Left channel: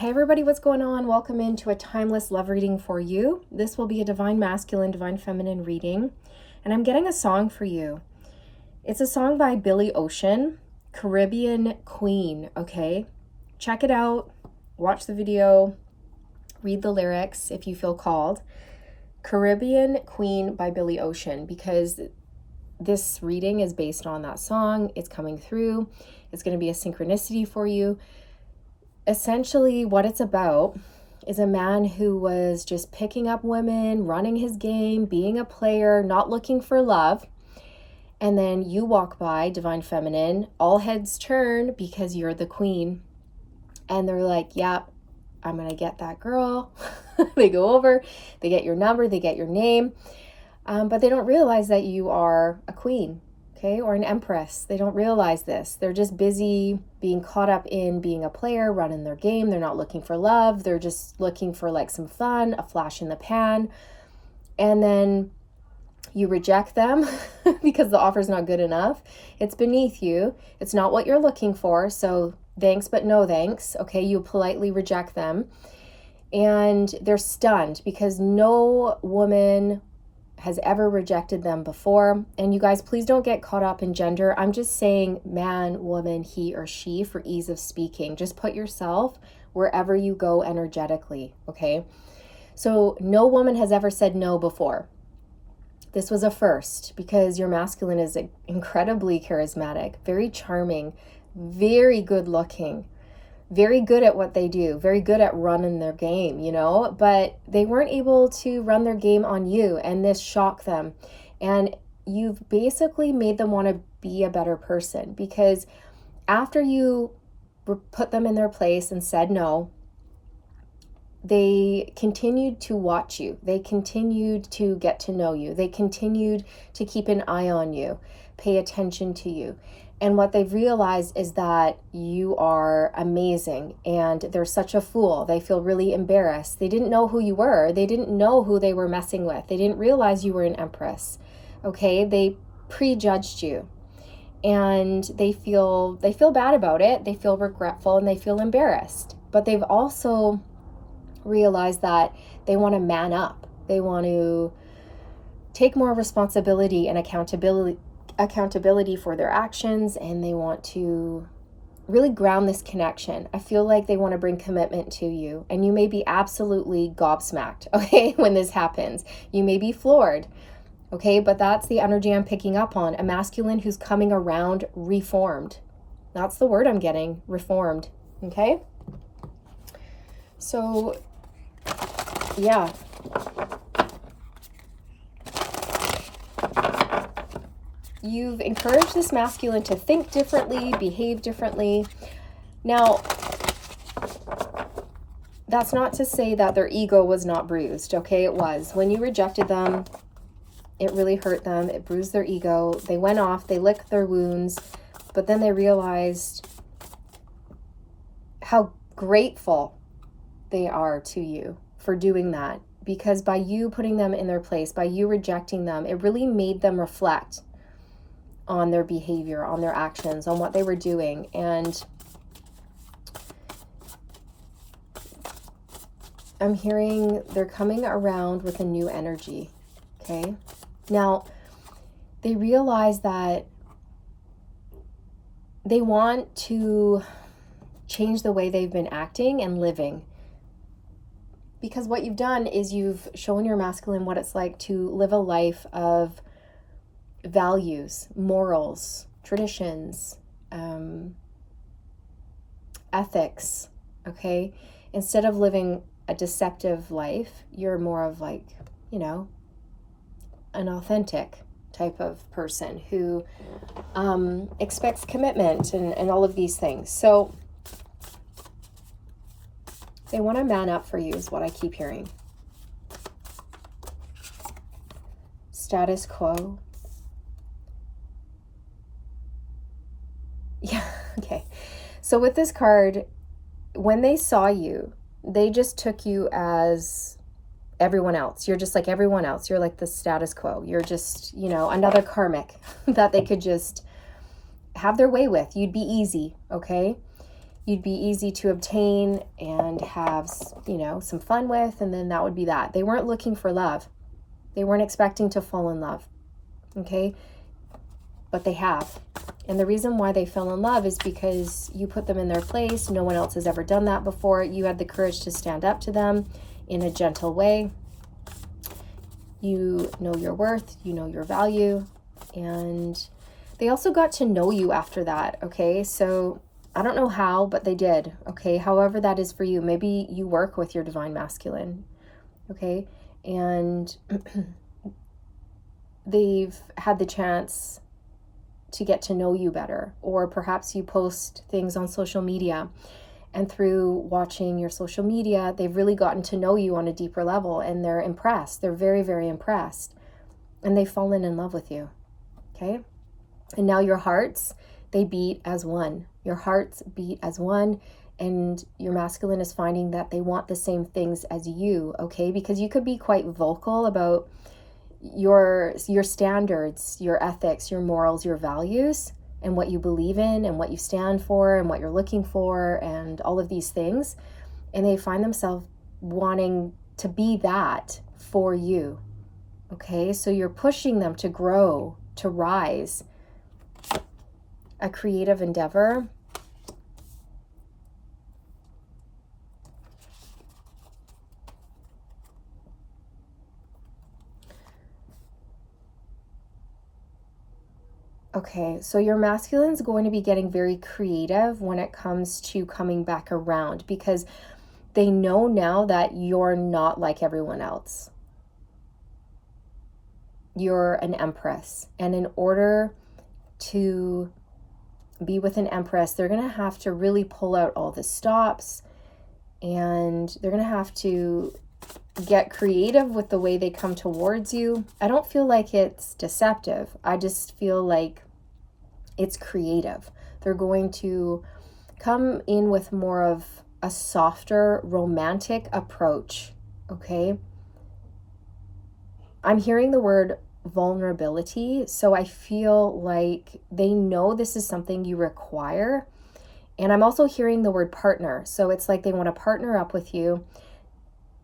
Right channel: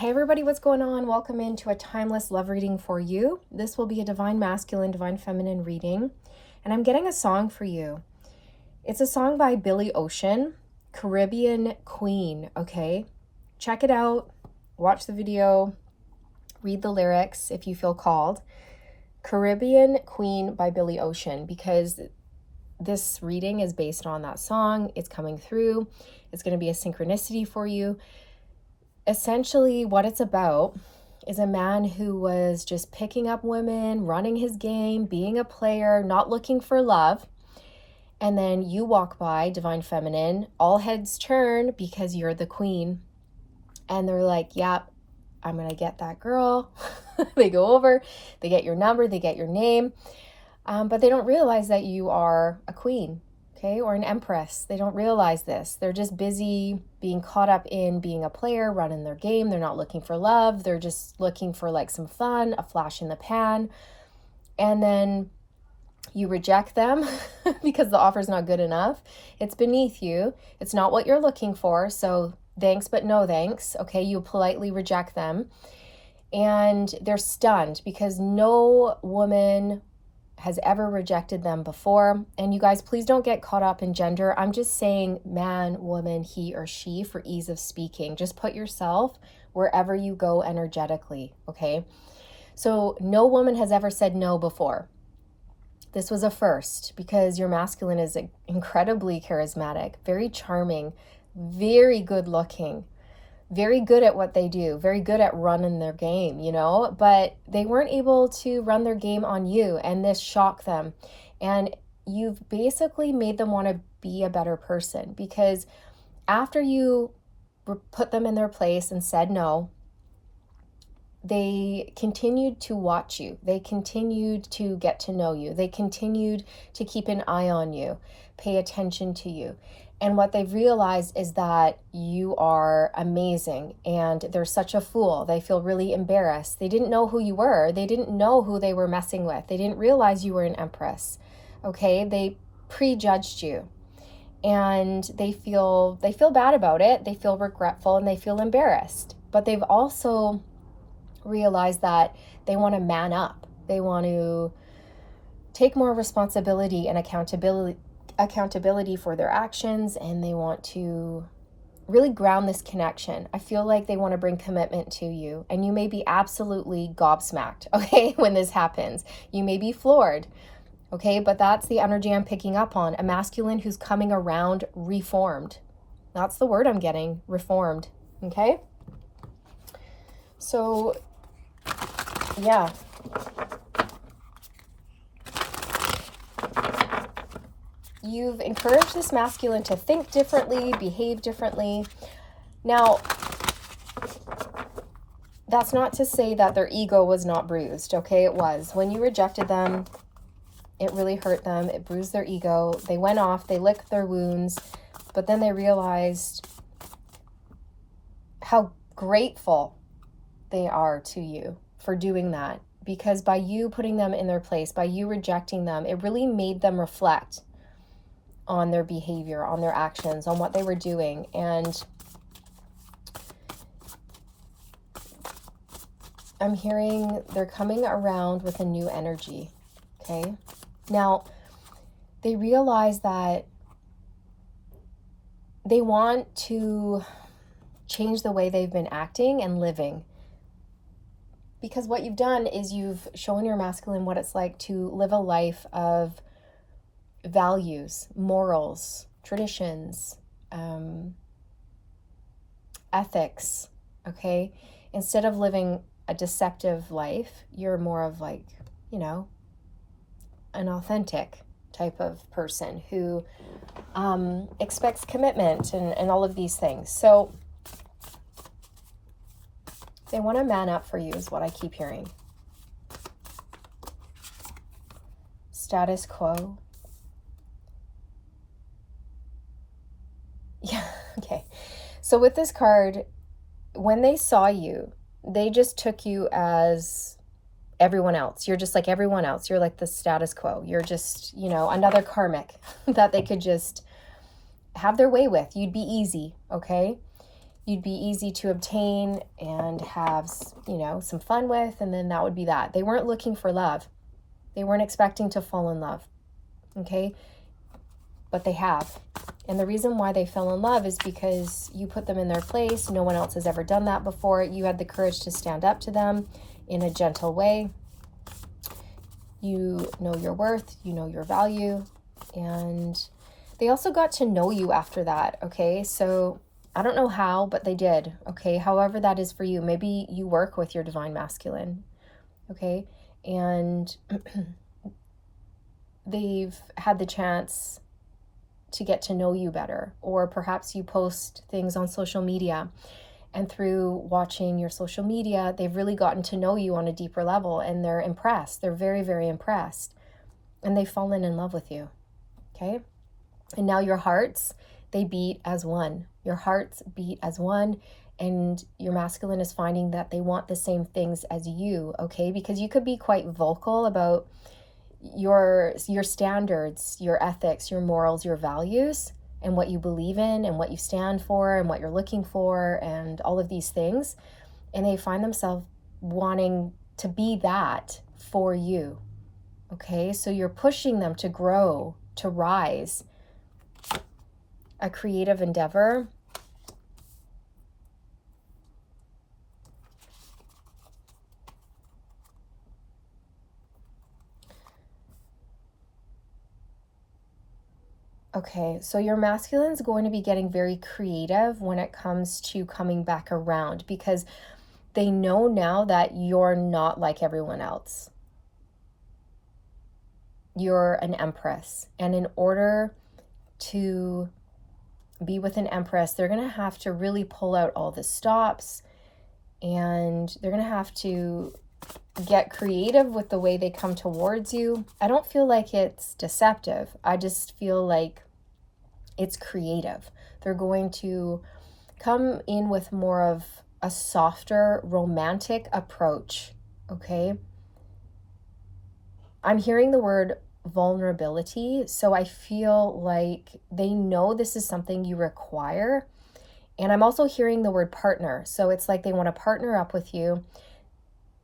Hey everybody, what's going on? Welcome into a timeless love reading for you. This will be a divine masculine, divine feminine reading, and I'm getting a song for you. It's a song by Billy Ocean, Caribbean Queen, okay? Check it out, watch the video, read the lyrics if you feel called. Caribbean Queen by Billy Ocean, because this reading is based on that song. It's coming through. It's going to be a synchronicity for you. Essentially, what it's about is a man who was just picking up women, running his game, being a player, not looking for love. And then you walk by, divine feminine, all heads turn because you're the queen. And they're like, yeah, I'm going to get that girl. They go over, they get your number, they get your name. But they don't realize that you are a queen. Okay, or an empress. They don't realize this. They're just busy being caught up in being a player, running their game. They're not looking for love. They're just looking for like some fun, a flash in the pan. And then you reject them because the offer's not good enough. It's beneath you. It's not what you're looking for. So thanks, but no thanks. Okay, you politely reject them. And they're stunned because no woman has ever rejected them before. And you guys, please don't get caught up in gender. I'm just saying man, woman, he or she for ease of speaking. Just put yourself wherever you go energetically, okay? So no woman has ever said no before. This was a first because your masculine is incredibly charismatic, very charming, very good looking, very good at what they do, very good at running their game, you know, but they weren't able to run their game on you, and this shocked them. And you've basically made them want to be a better person, because after you put them in their place and said no, they continued to watch you. They continued to get to know you. They continued to keep an eye on you, pay attention to you. And what they've realized is that you are amazing, and they're such a fool. They feel really embarrassed. They didn't know who you were. They didn't know who they were messing with. They didn't realize you were an empress. Okay? They prejudged you. And they feel bad about it. They feel regretful and they feel embarrassed. But they've also realized that they want to man up. They want to take more responsibility and accountability for their actions, and they want to really ground this connection. I feel like they want to bring commitment to you, and you may be absolutely gobsmacked, okay, when this happens. You may be floored, okay, but that's the energy I'm picking up on. A masculine who's coming around reformed. That's the word I'm getting, reformed, okay? So, yeah. You've encouraged this masculine to think differently, behave differently. Now, that's not to say that their ego was not bruised, okay? It was. When you rejected them, it really hurt them. It bruised their ego. They went off, they licked their wounds, but then they realized how grateful they are to you for doing that. Because by you putting them in their place, by you rejecting them, it really made them reflect on their behavior, on their actions, on what they were doing. And I'm hearing they're coming around with a new energy, okay? Now, they realize that they want to change the way they've been acting and living. Because what you've done is you've shown your masculine what it's like to live a life of values, morals, traditions, ethics, okay? Instead of living a deceptive life, you're more of like, you know, an authentic type of person who expects commitment and all of these things. So they want to man up for you is what I keep hearing. Status quo. Yeah, okay. So with this card, when they saw you, they just took you as everyone else. You're just like everyone else. You're like the status quo. You're just, you know, another karmic that they could just have their way with. You'd be easy, okay? you'd be easy to obtain and have, you know, some fun with, and then that would be that. They weren't looking for love. They weren't expecting to fall in love, okay? But they have. And the reason why they fell in love is because you put them in their place. No one else has ever done that before. You had the courage to stand up to them in a gentle way. You know your worth, you know your value, and they also got to know you after that, okay? So I don't know how, but they did, okay? However that is for you. Maybe you work with your divine masculine, okay? And they've had the chance to get to know you better, or perhaps you post things on social media, and through watching your social media, they've really gotten to know you on a deeper level, and they're impressed. They're very, very impressed, and they've fallen in love with you, okay? And now your hearts, they beat as one. Your hearts beat as one, and your masculine is finding that they want the same things as you, okay? Because you could be quite vocal about your standards, your ethics, your morals, your values, and what you believe in and what you stand for and what you're looking for and all of these things. And they find themselves wanting to be that for you, okay? So you're pushing them to grow, to rise. A creative endeavor. Okay, so your masculine's going to be getting very creative when it comes to coming back around, because they know now that you're not like everyone else. You're an empress, and in order to be with an empress, they're going to have to really pull out all the stops, and they're going to have to get creative with the way they come towards you. I don't feel like it's deceptive. I just feel like it's creative. They're going to come in with more of a softer, romantic approach, okay? I'm hearing the word vulnerability, so I feel like they know this is something you require. And I'm also hearing the word partner, so it's like they want to partner up with you.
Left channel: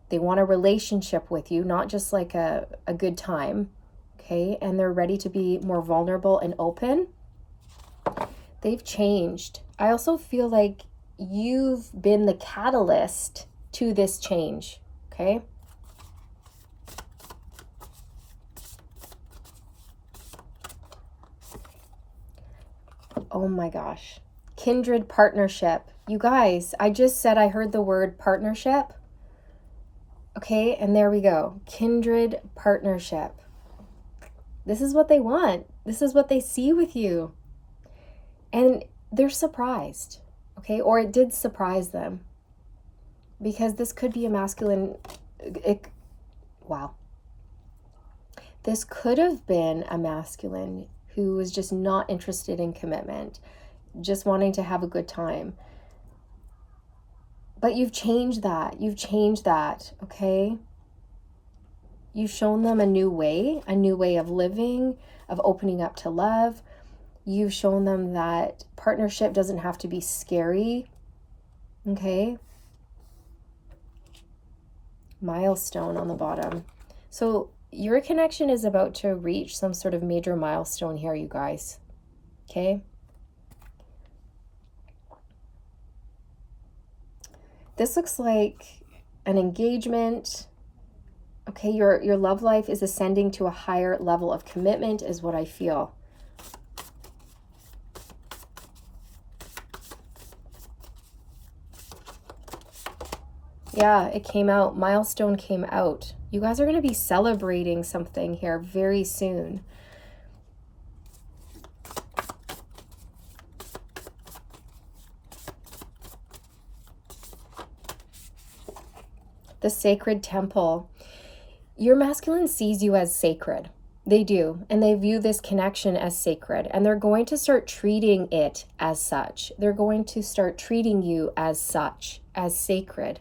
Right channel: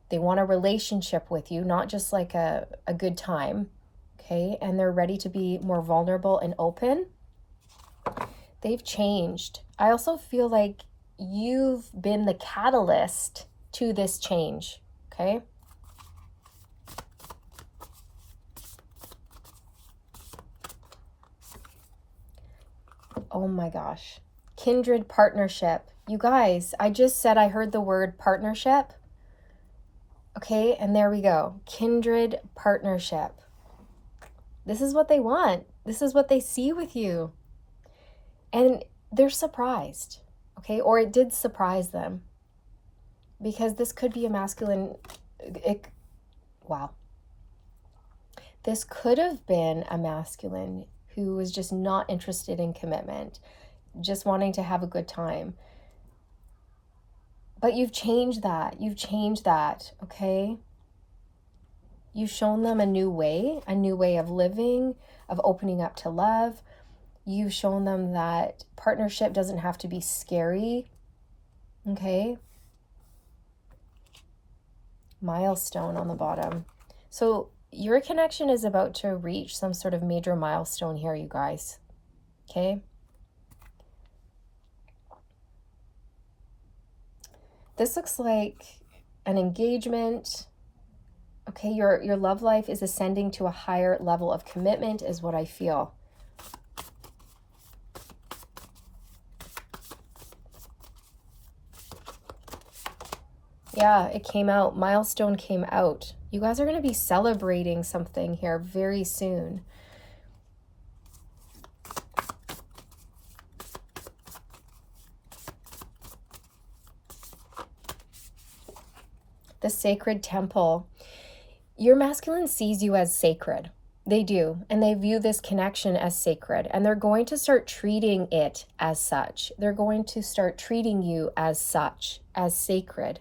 They want a relationship with you, not just like a good time, okay? And they're ready to be more vulnerable and open. They've changed. I also feel like you've been the catalyst to this change, okay? Oh my gosh. Kindred partnership. You guys, I just said I heard the word partnership. Okay, and there we go. Kindred partnership. This is what they want. This is what they see with you. And they're surprised, okay? Or it did surprise them. Because this could be a masculine... wow. This could have been a masculine who was just not interested in commitment, just wanting to have a good time. But you've changed that. You've changed that, okay? You've shown them a new way of living, of opening up to love. You've shown them that partnership doesn't have to be scary, okay? Milestone on the bottom. So your connection is about to reach some sort of major milestone here, you guys, okay? This looks like an engagement. Okay, your love life is ascending to a higher level of commitment is what I feel. Yeah, it came out. Milestone came out. You guys are going to be celebrating something here very soon. The sacred temple. Your masculine sees you as sacred. They do, and they view this connection as sacred, and they're going to start treating it as such. They're going to start treating you as such, as sacred.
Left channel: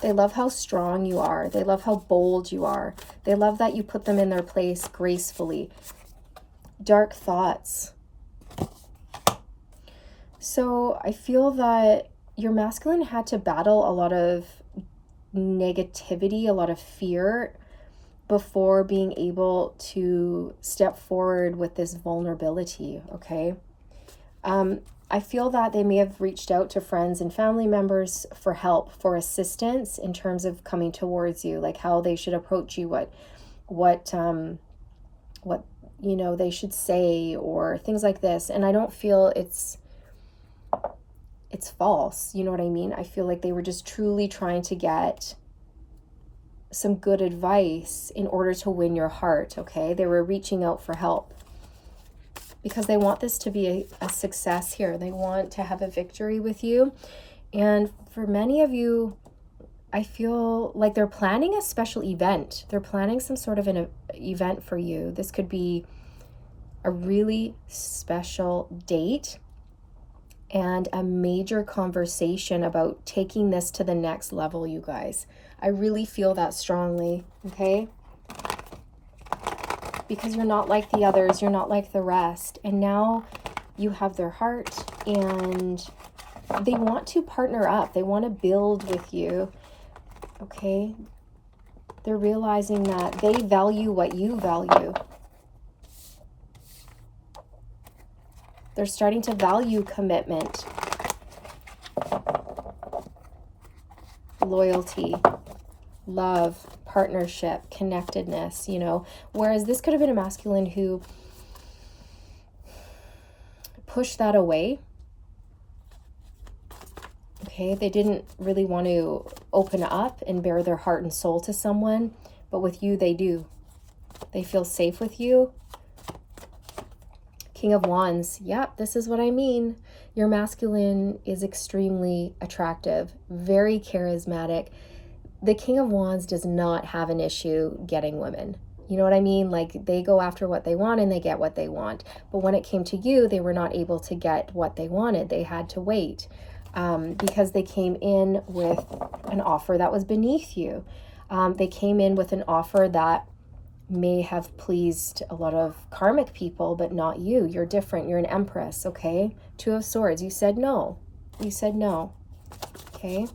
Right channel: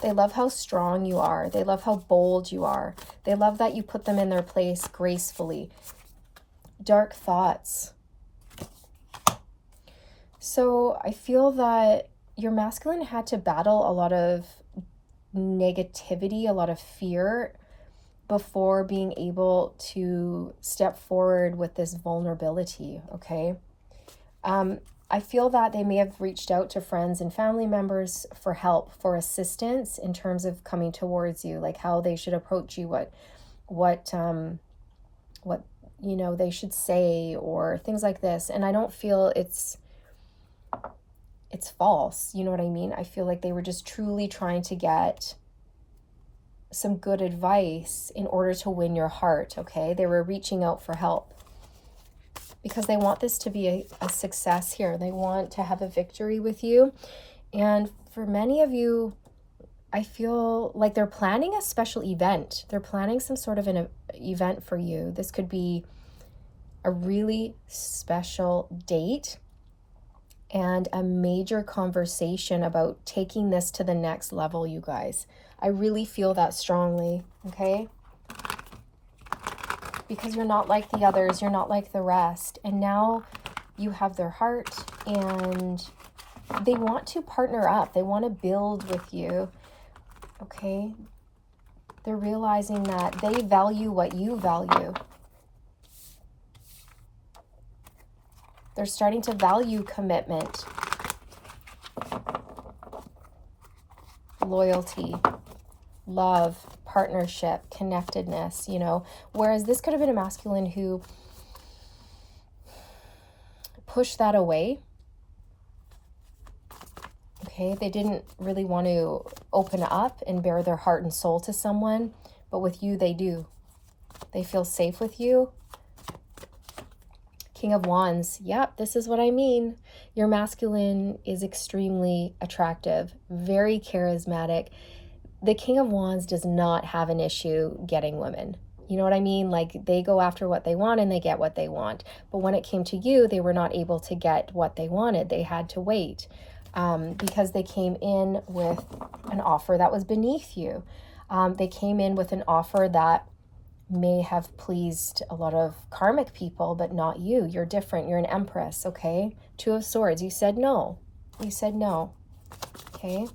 They love how strong you are. They love how bold you are. They love that you put them in their place gracefully. Dark thoughts. So I feel that your masculine had to battle a lot of negativity, a lot of fear before being able to step forward with this vulnerability, okay? I feel that they may have reached out to friends and family members for help, for assistance in terms of coming towards you, like how they should approach you, what they should say, or things like this. And I don't feel it's false, you know what I mean? I feel like they were just truly trying to get some good advice in order to win your heart, okay? They were reaching out for help because they want this to be a success here. They want to have a victory with you. And for many of you, I feel like they're planning a special event. They're planning some sort of an event for you. This could be a really special date and a major conversation about taking this to the next level, you guys. I really feel that strongly, okay? Because you're not like the others, you're not like the rest. And now you have their heart, and they want to partner up. They want to build with you, okay? They're realizing that they value what you value. They're starting to value commitment, loyalty, love, partnership, connectedness, whereas this could have been a masculine who pushed that away. Okay, they didn't really want to open up and bare their heart and soul to someone, but with you, they do. They feel safe with you. King of Wands. Yep, this is what I mean. Your masculine is extremely attractive, very charismatic. The King of Wands does not have an issue getting women. You know what I mean? Like, they go after what they want and they get what they want. But when it came to you, they were not able to get what they wanted. They had to wait because they came in with an offer that was beneath you. They came in with an offer that may have pleased a lot of karmic people, but not you. You're different. You're an empress, okay? Two of Swords. You said no. You said no, okay?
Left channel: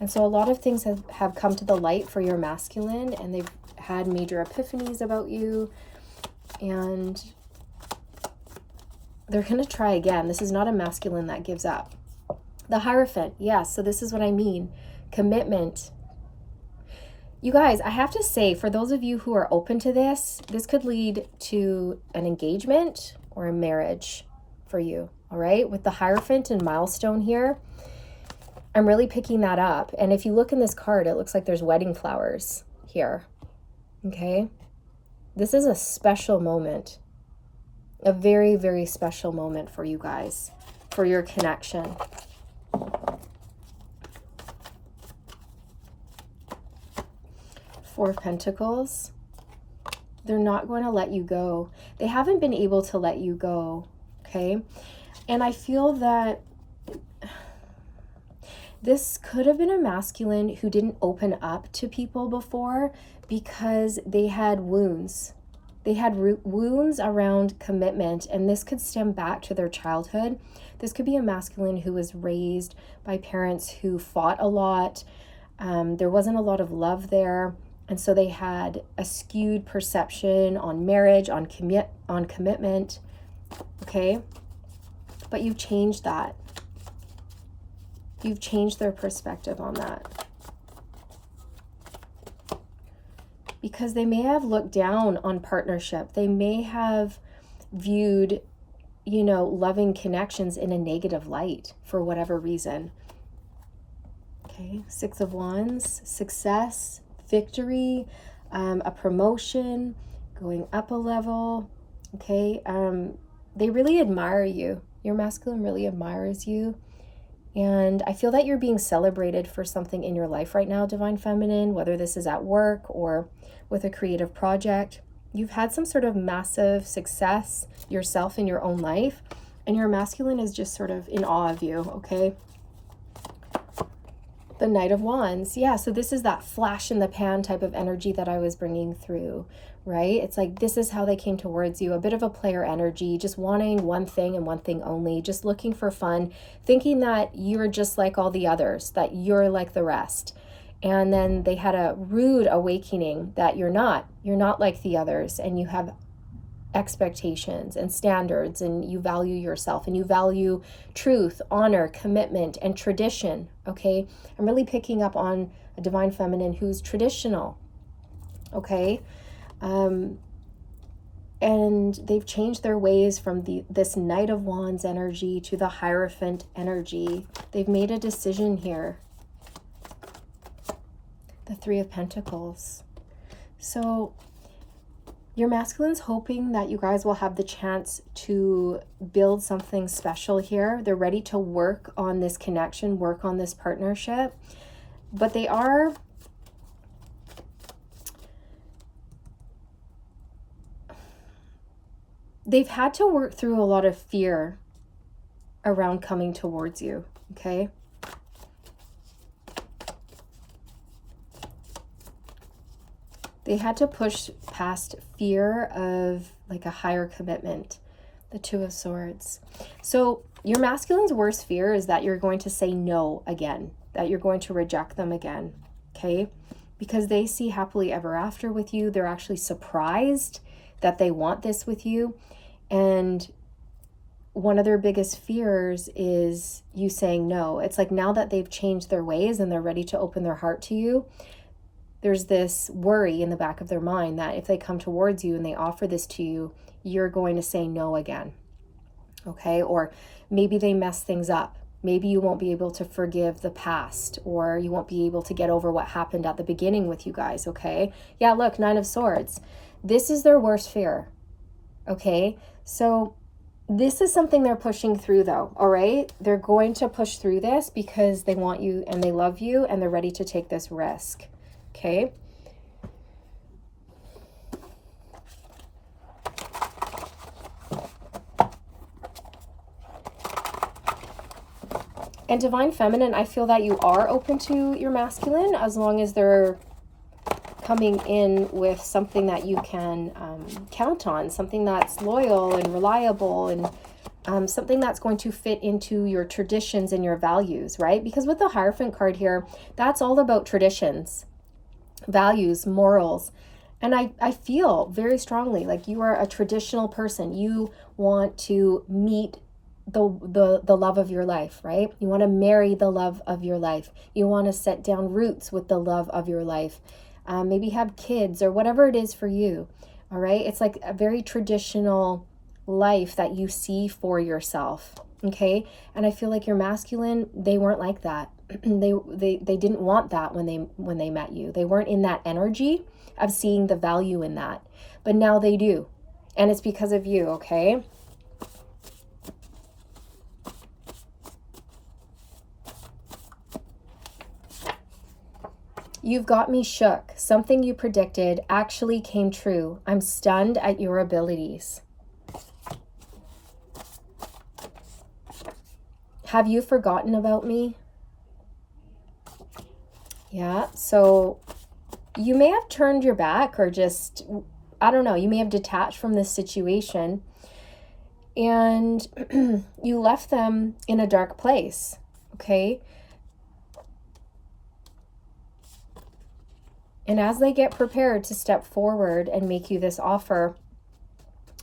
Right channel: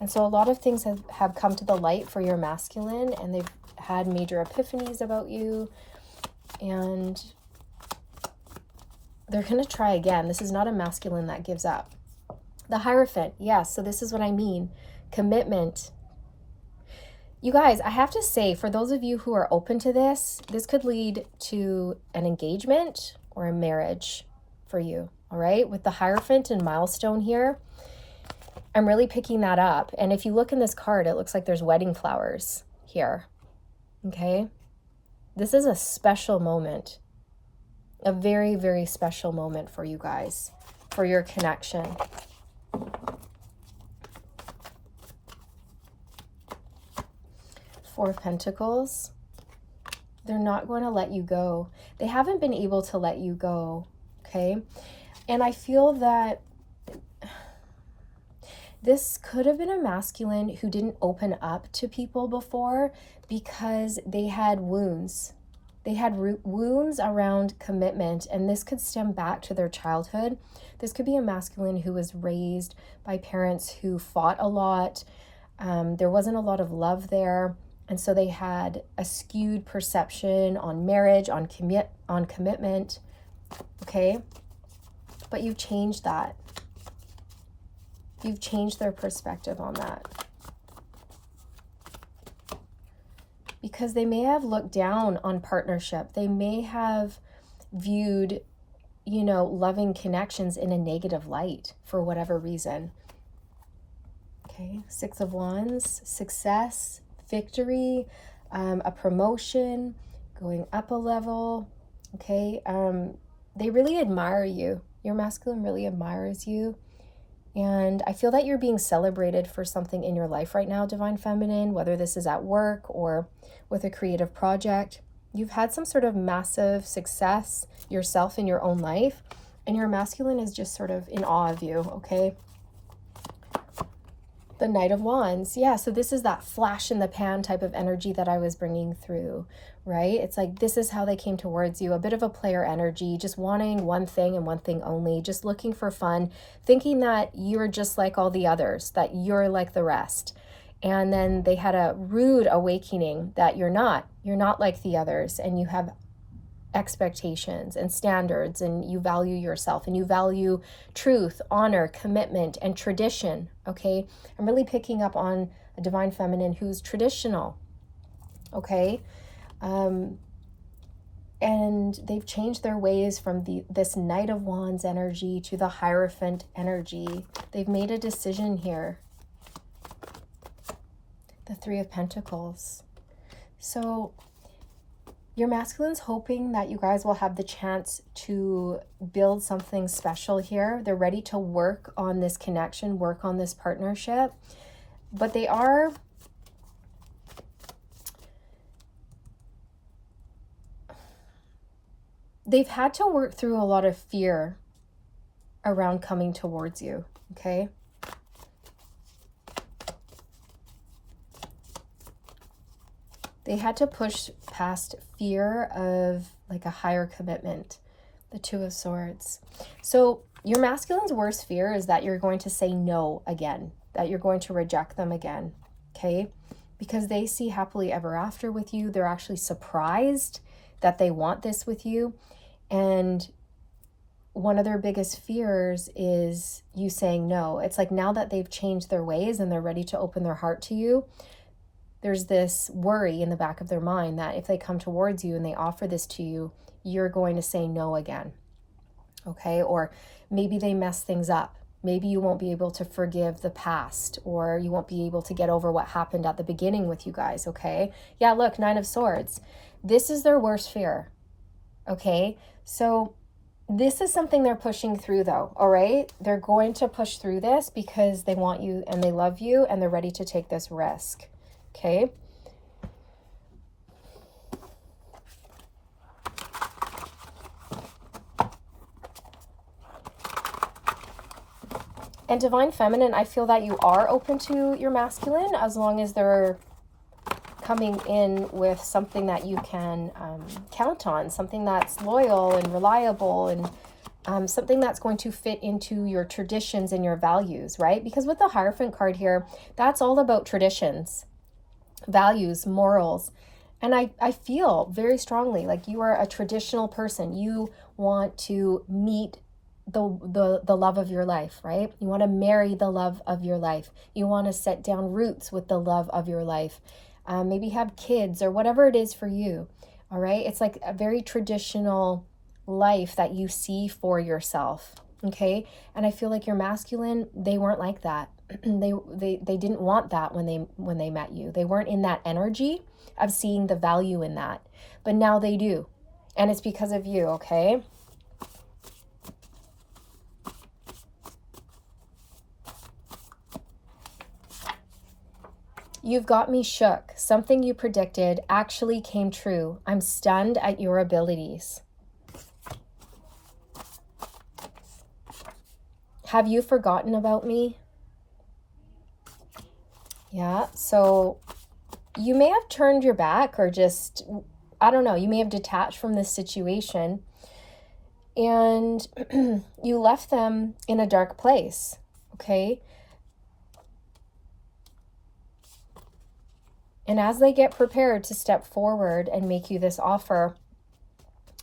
And so a lot of things have come to the light for your masculine, and they've had major epiphanies about you, and they're going to try again. This is not a masculine that gives up. The Hierophant. Yes, so this is what I mean. Commitment. You guys, I have to say, for those of you who are open to this, this could lead to an engagement or a marriage for you, all right? With the Hierophant and milestone here, I'm really picking that up. And if you look in this card, it looks like there's wedding flowers here, okay? This is a special moment, a very, very special moment for you guys, for your connection. Four of Pentacles. They're not going to let you go. They haven't been able to let you go, okay? And I feel that this could have been a masculine who didn't open up to people before because they had wounds. They had wounds around commitment, and this could stem back to their childhood. This could be a masculine who was raised by parents who fought a lot. There wasn't a lot of love there. And so they had a skewed perception on marriage, on commitment, okay? But you've changed that. You've changed their perspective on that. Because they may have looked down on partnership. They may have viewed, loving connections in a negative light for whatever reason. Okay, Six of Wands, success, victory, a promotion, going up a level, okay? They really admire you. Your masculine really admires you. And I feel that you're being celebrated for something in your life right now, Divine Feminine, whether this is at work or with a creative project. You've had some sort of massive success yourself in your own life, and your masculine is just sort of in awe of you, okay? The Knight of Wands. Yeah, so this is that flash in the pan type of energy that I was bringing through, right? It's like this is how they came towards you. A bit of a player energy, just wanting one thing and one thing only, just looking for fun, thinking that you're just like all the others, that you're like the rest. And then they had a rude awakening that you're not like the others, and you have expectations and standards, and you value yourself, and you value truth, honor, commitment, and tradition. Okay, I'm really picking up on a divine feminine who's traditional. Okay, and they've changed their ways from this Knight of Wands energy to the Hierophant energy. They've made a decision here. The Three of Pentacles. So your masculine's hoping that you guys will have the chance to build something special here. They're ready to work on this connection, work on this partnership. But they've had to work through a lot of fear around coming towards you, okay? They had to push past fear of like a higher commitment. The Two of Swords. So your masculine's worst fear is that you're going to say no again, that you're going to reject them again, okay? Because they see happily ever after with you. They're actually surprised that they want this with you. And one of their biggest fears is you saying no. It's like now that they've changed their ways and they're ready to open their heart to you, there's this worry in the back of their mind that if they come towards you and they offer this to you, you're going to say no again, okay? Or maybe they mess things up. Maybe you won't be able to forgive the past, or you won't be able to get over what happened at the beginning with you guys, okay? Yeah, look, Nine of Swords. This is their worst fear, okay? So this is something they're pushing through though, all right? They're going to push through this because they want you and they love you and they're ready to take this risk. Okay. And divine feminine, I feel that you are open to your masculine as long as they're coming in with something that you can count on, something that's loyal and reliable, and something that's going to fit into your traditions and your values, right? Because with the Hierophant card here, that's all about traditions, values, morals. And I feel very strongly like you are a traditional person. You want to meet the love of your life, right? You want to marry the love of your life. You want to set down roots with the love of your life. Maybe have kids or whatever it is for you. All right. It's like a very traditional life that you see for yourself. Okay. And I feel like your masculine, they weren't like that. They didn't want that when they met you. They weren't in that energy of seeing the value in that, but now they do. And it's because of you. Okay. You've got me shook. Something you predicted actually came true. I'm stunned at your abilities. Have you forgotten about me? Yeah, so you may have turned your back or just, I don't know, you may have detached from this situation and you left them in a dark place, okay? And as they get prepared to step forward and make you this offer,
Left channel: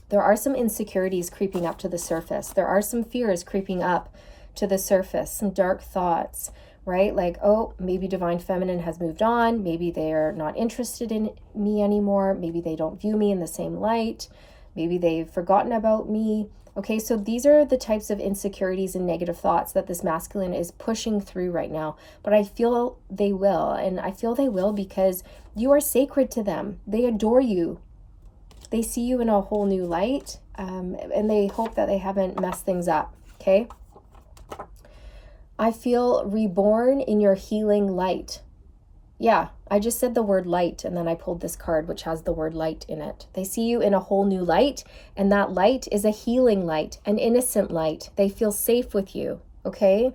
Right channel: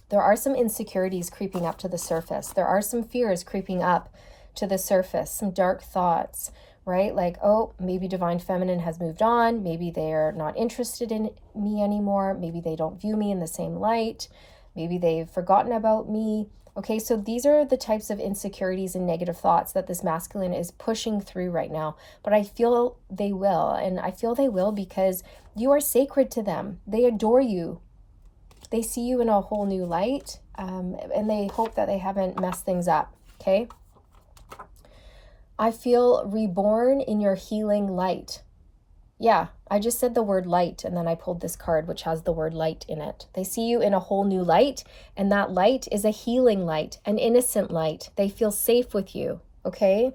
there are some insecurities creeping up to the surface. There are some fears creeping up to the surface, some dark thoughts, right? Like, oh, maybe divine feminine has moved on. Maybe they're not interested in me anymore. Maybe they don't view me in the same light. Maybe they've forgotten about me. Okay, so these are the types of insecurities and negative thoughts that this masculine is pushing through right now. But I feel they will. And I feel they will because you are sacred to them. They adore you. They see you in a whole new light. And they hope that they haven't messed things up. Okay. I feel reborn in your healing light. Yeah, I just said the word light and then I pulled this card which has the word light in it. They see you in a whole new light, and that light is a healing light, an innocent light. They feel safe with you, okay?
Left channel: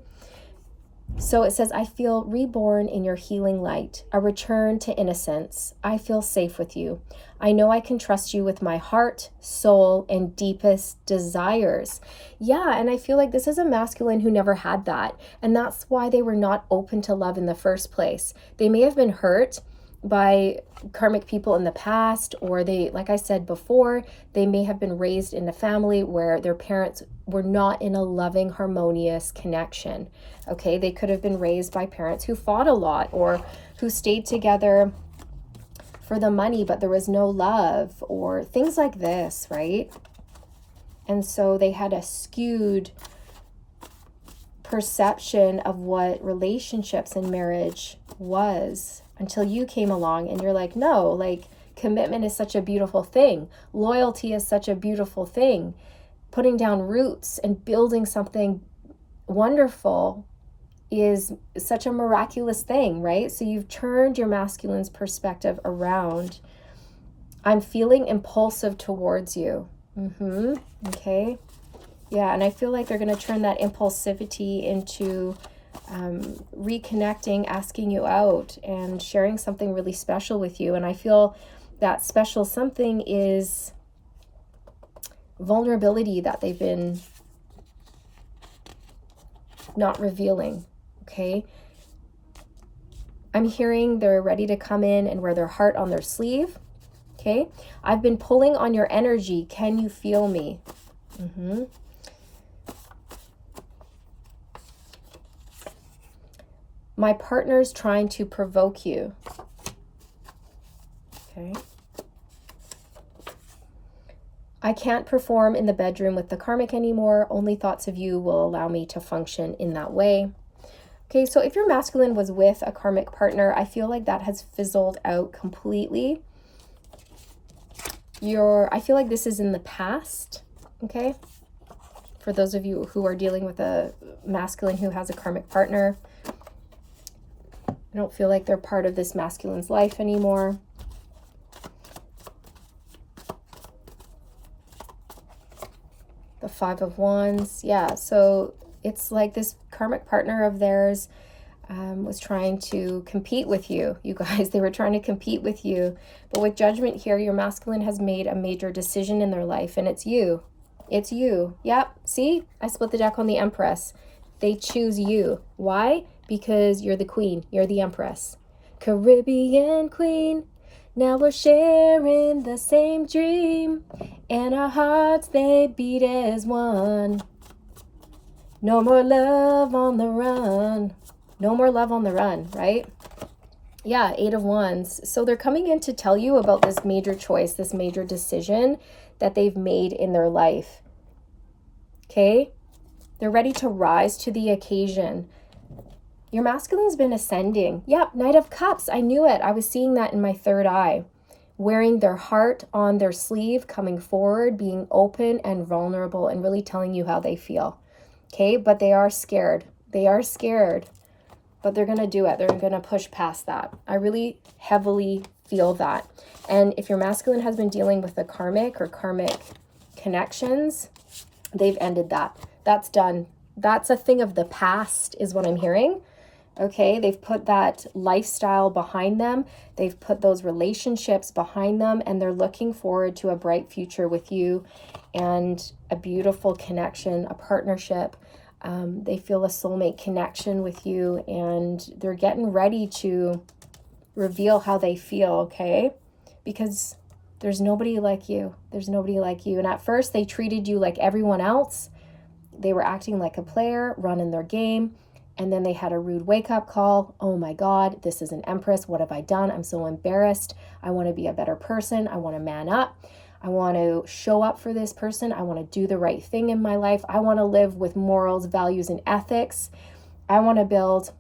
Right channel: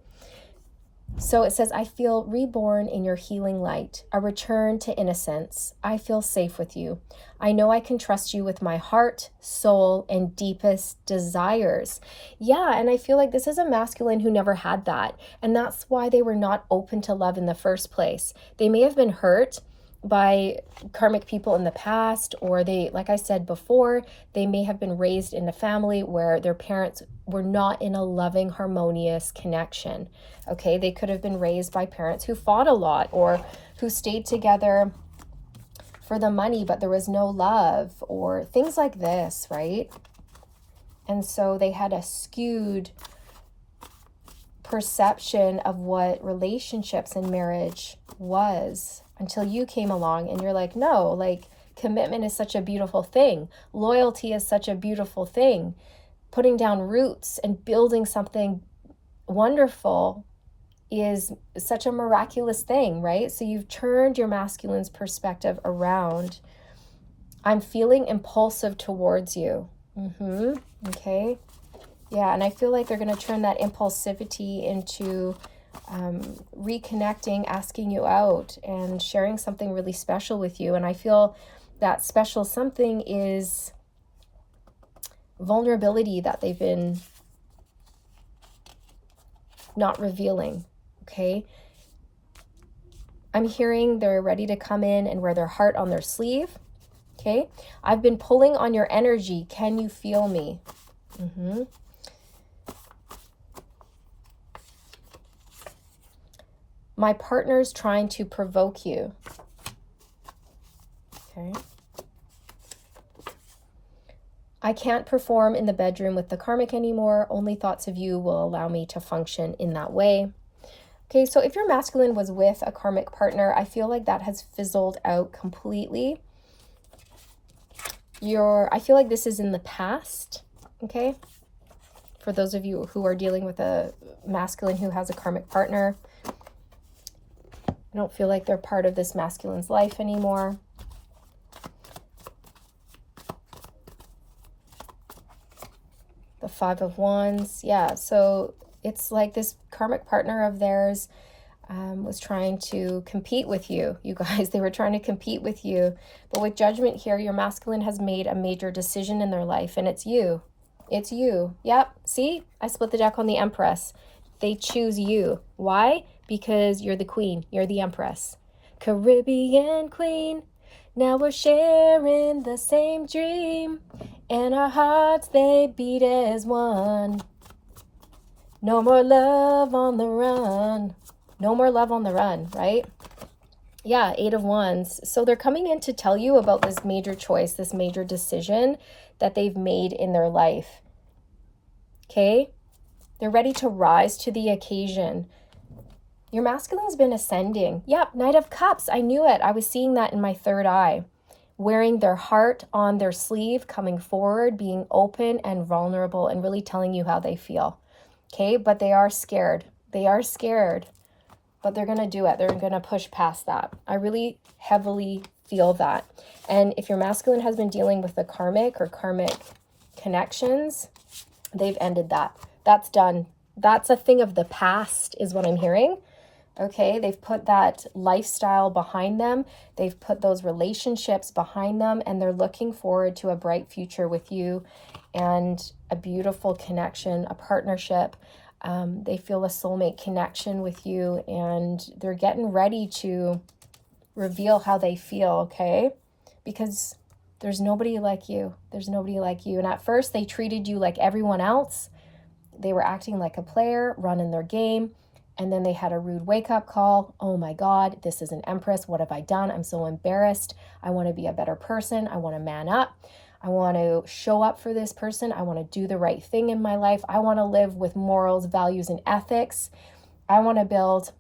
So it says, I feel reborn in your healing light, a return to innocence. I feel safe with you. I know I can trust you with my heart, soul, and deepest desires. Yeah, and I feel like this is a masculine who never had that. And that's why they were not open to love in the first place. They may have been hurt by karmic people in the past, or they, like I said before, they may have been raised in a family where their parents were not in a loving, harmonious connection. Okay, they could have been raised by parents who fought a lot, or who stayed together for the money, but there was no love, or things like this, right? And so they had a skewed perception of what relationships and marriage was, until you came along and you're like, no, like, commitment is such a beautiful thing. Loyalty is such a beautiful thing. Putting down roots and building something wonderful is such a miraculous thing, right? So you've turned your masculine's perspective around. I'm feeling impulsive towards you. Okay. Yeah, and I feel like they're going to turn that impulsivity into reconnecting, asking you out, and sharing something really special with you. And I feel that special something is vulnerability that they've been not revealing. Okay. I'm hearing they're ready to come in and wear their heart on their sleeve. Okay. I've been pulling on your energy. Can you feel me? My partner's trying to provoke you. Okay. I can't perform in the bedroom with the karmic anymore. Only thoughts of you will allow me to function in that way. Okay, so if your masculine was with a karmic partner, I feel like that has fizzled out completely. I feel like this is in the past, okay? For those of you who are dealing with a masculine who has a karmic partner, I don't feel like they're part of this masculine's life anymore. The Five of Wands, yeah, so it's like this karmic partner of theirs was trying to compete with you. You guys, they were trying to compete with you. But with Judgment here, your masculine has made a major decision in their life, and it's you. It's you. Yep. See, I split the deck on the Empress. They choose you. Why? Because you're the queen. You're the Empress. Caribbean queen. Now we're sharing the same dream, and our hearts, they beat as one. No more love on the run. No more love on the run, right? Yeah, Eight of Wands. So they're coming in to tell you about this major choice, this major decision that they've made in their life. Okay? They're ready to rise to the occasion. Your masculine's been ascending. Yep, Knight of Cups. I knew it. I was seeing that in my third eye. Wearing their heart on their sleeve, coming forward, being open and vulnerable, and really telling you how they feel. Okay, but they are scared. They are scared, but they're going to do it. They're going to push past that. I really heavily feel that. And if your masculine has been dealing with the karmic or karmic connections, they've ended that. That's done. That's a thing of the past is what I'm hearing. Okay, they've put that lifestyle behind them. They've put those relationships behind them, and they're looking forward to a bright future with you and a beautiful connection, a partnership. They feel a soulmate connection with you, and they're getting ready to reveal how they feel, okay? Because there's nobody like you. There's nobody like you. And at first, they treated you like everyone else. They were acting like a player, running their game. And then they had a rude wake-up call. Oh my God, this is an Empress. What have I done? I'm so embarrassed. I want to be a better person. I want to man up. I want to show up for this person. I want to do the right thing in my life. I want to live with morals, values, and ethics. I want to build.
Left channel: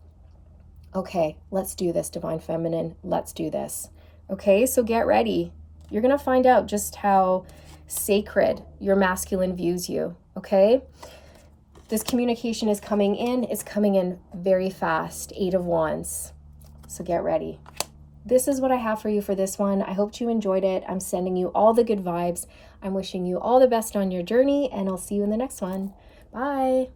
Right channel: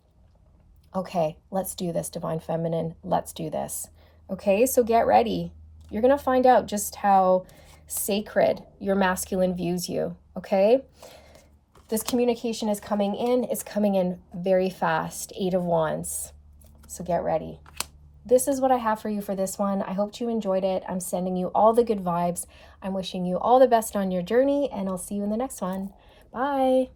Okay, let's do this, Divine Feminine. Let's do this. Okay, so get ready. You're going to find out just how sacred your masculine views you. Okay? This communication is coming in. It's coming in very fast. Eight of Wands. So get ready. This is what I have for you for this one. I hope you enjoyed it. I'm sending you all the good vibes. I'm wishing you all the best on your journey, and I'll see you in the next one. Bye.